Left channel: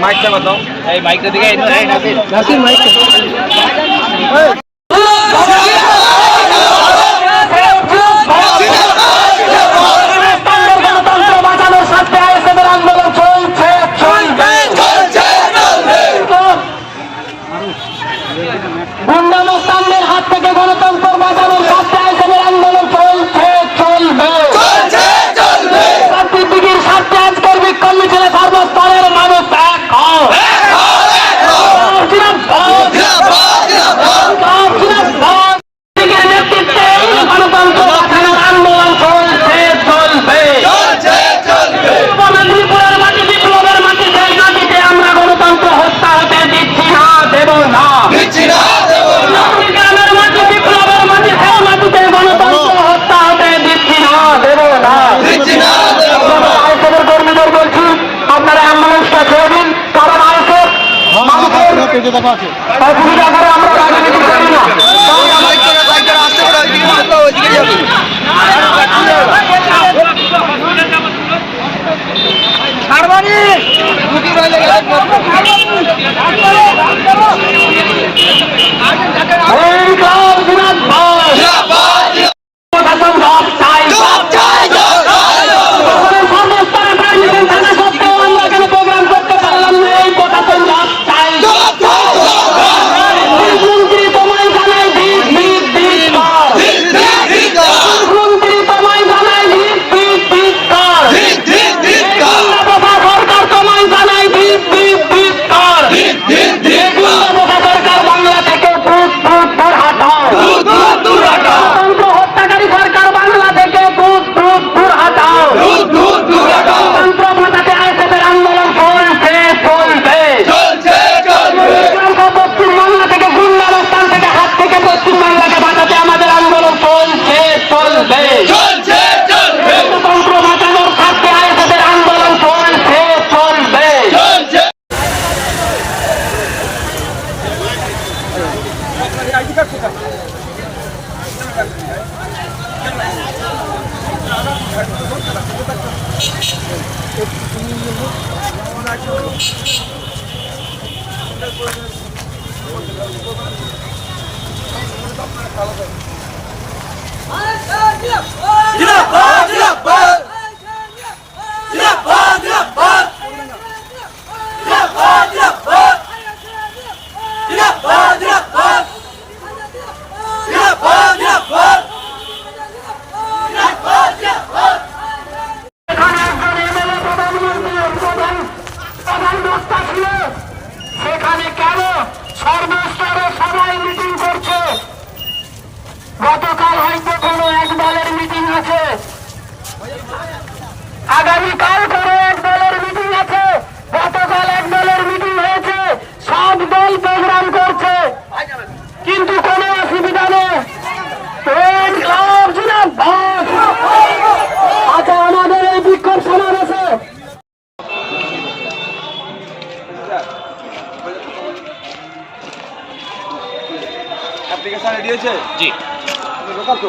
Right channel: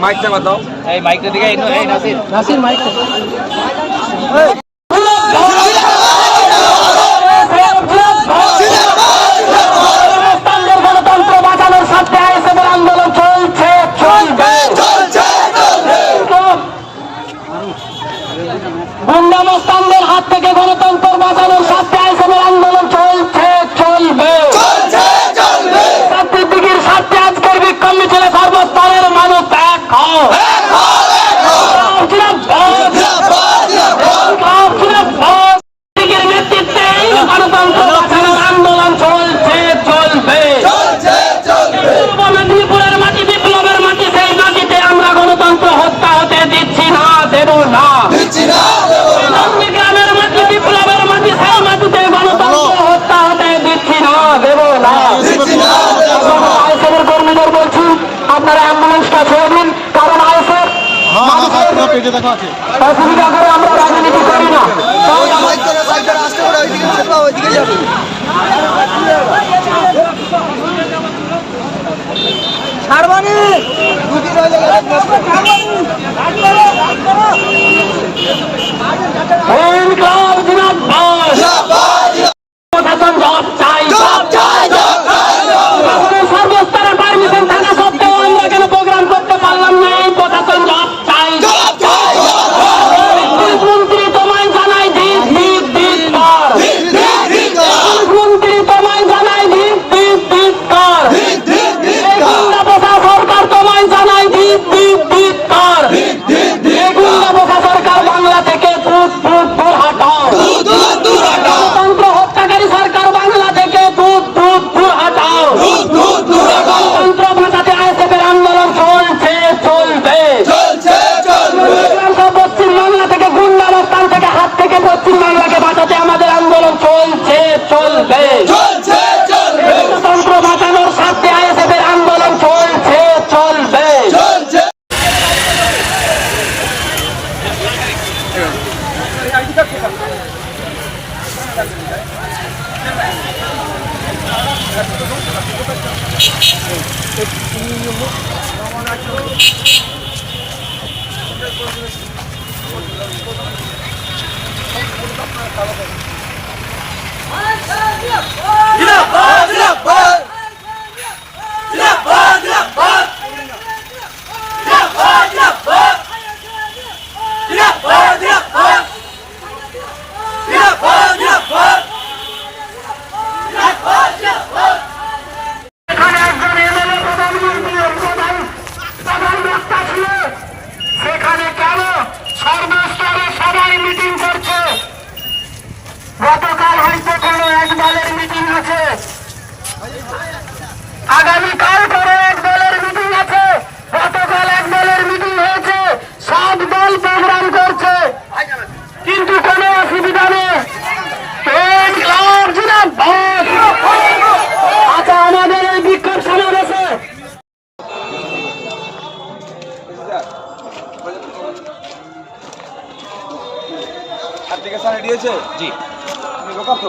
মাইকটা কত এই মাইকটা দিকে নাসির মাইক গুন্ডামস্তানদের হাত থেকে গণতন্ত্র বাঁচানোর স্বার্থে আইসেনের আন্দোলন চলছে চলবে দিদির স্বার্থে আজকের বিক্ষোভ মিছিলে সর্বস্তরের মানুষ এক নেতৃত্বে গণতন্ত্র বাঁচানোর আন্দোলন চলছে চলবে মেদিনীপুরের মাটি বিপ্লবের মাটি সেই মাটিতে আমরা গণতন্ত্র হত্যা হতে দিচ্ছি না দেব না গ্রামের মাটি বিপ্লবের মাটি সেই মাটিতে গণতন্ত্র হত্যা হতে দিচ্ছি না দেব না আইসেনের কর্মীদের বলছি আপনারা অ্যাম্বুলেন্সটা ছেড়ে দিন কারণ আইসের অসুবিধা করে আমরা রাজনীতি করি না সর্বস্তরে পারমিশন থাকা সত্ত্বেও আমরা কেন প্রোগ্রাম করতে পারলাম না এই প্রশাসন জব চাই মন্ত্রী তোমায় জানাই ভিত ভিত ভিত কর মন্ত্রী তোমায় জানাই ভিত ভিত ভিত কর সরকার তোমায় জানাই ভিত ভিত ভিত কর সরকার বাংলা থেকে ফুট ফুট ফুট হাটাও গণতন্ত্র হত্যাকারী সরকার বাংলা থেকে ফুট ফুট ফুট হাটাও গণতন্ত্র বাঁচাতে আইএসএফের আন্দোলন চলছে চলবে পশ্চিমবাংলা থেকে গুন্ডামস্তান থেকে হাত থেকে পশ্চিমবাংলাকে বাঁচাতে আমাদের আন্দোলন চলছে চলবে গণতন্ত্র বাঁচানোর স্বার্থে আইএসএফের আন্দোলন চলছে চলবে সেখানে কেন সর্বস্তরে সবাই মিটিং করছে গতকাল হয়তো কোনো এক দলের মিটিং আছে আগামীকাল কোনো এক দলের মিটিং আছে গতকাল এক দলের মিটিং হয়েছে সব দল প্রোগ্রাম করছে কিন্তু কোনো অসুবিধা নেই আচ্ছা আমাদের এই বিক্ষোভ সমাবেশে অ্যাপ্লিকেশন রেডি হয়েছে জি লোকাল তো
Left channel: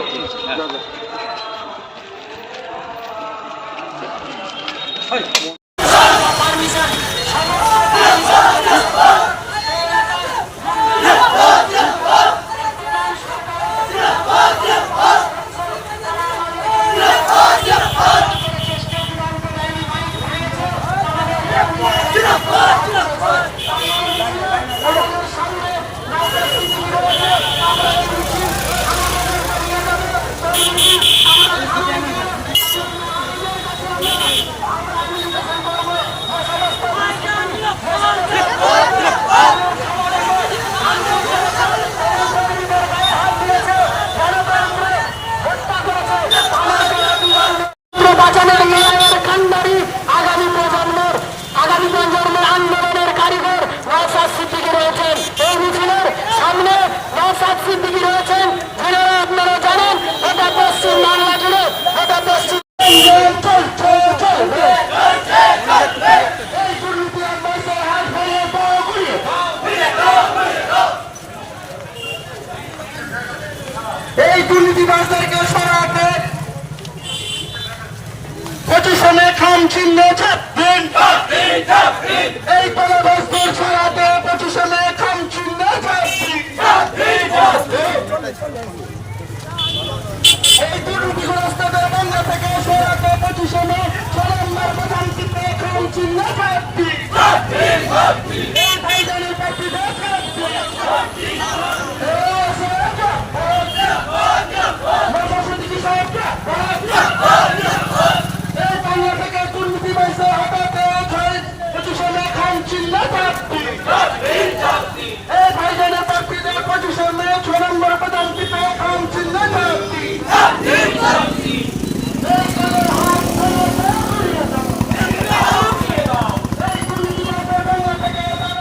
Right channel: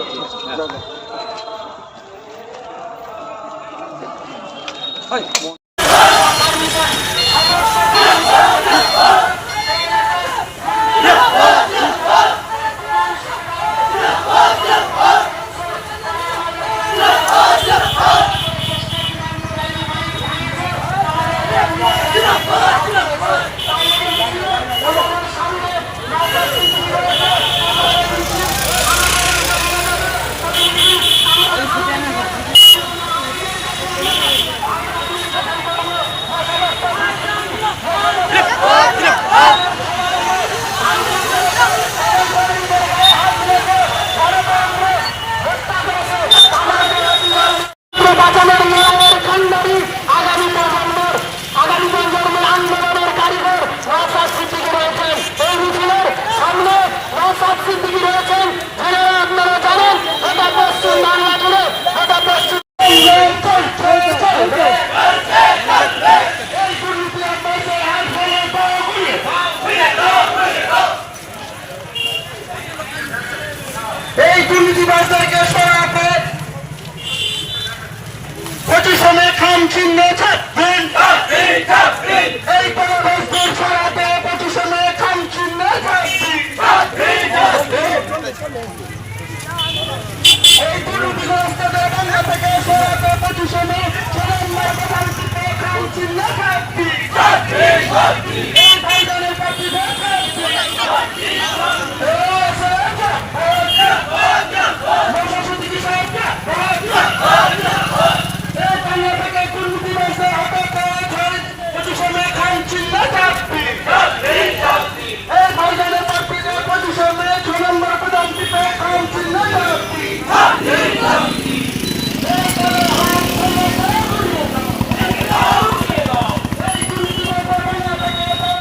বাঁচানোর লড়াইয়ের কান্ডারি আগামী প্রজন্মের আন্দোলনের কারিগর নওশাদ সিদ্দিকী রয়েছেন এই মিছিলের সামনে। নওশাদ সিদ্দিকী রয়েছেন যারা আপনারা জানেন এটা পশ্চিম বাংলা জুড়ে এটা পশ্চিম এই দুর্নীতি চিহ্ন ছাপ দিন, এই পরিবেশদের সরাতে 25 মে খাম চিহ্ন ছাপ দিন, এই দুর্নীতিগ্রস্তদের বাংলা থেকে সরাতে 25 মে চরমবার প্রধানমন্ত্রী খাম চিহ্ন ছাপ দিন, এই ভাইজানের পার্টি থেকে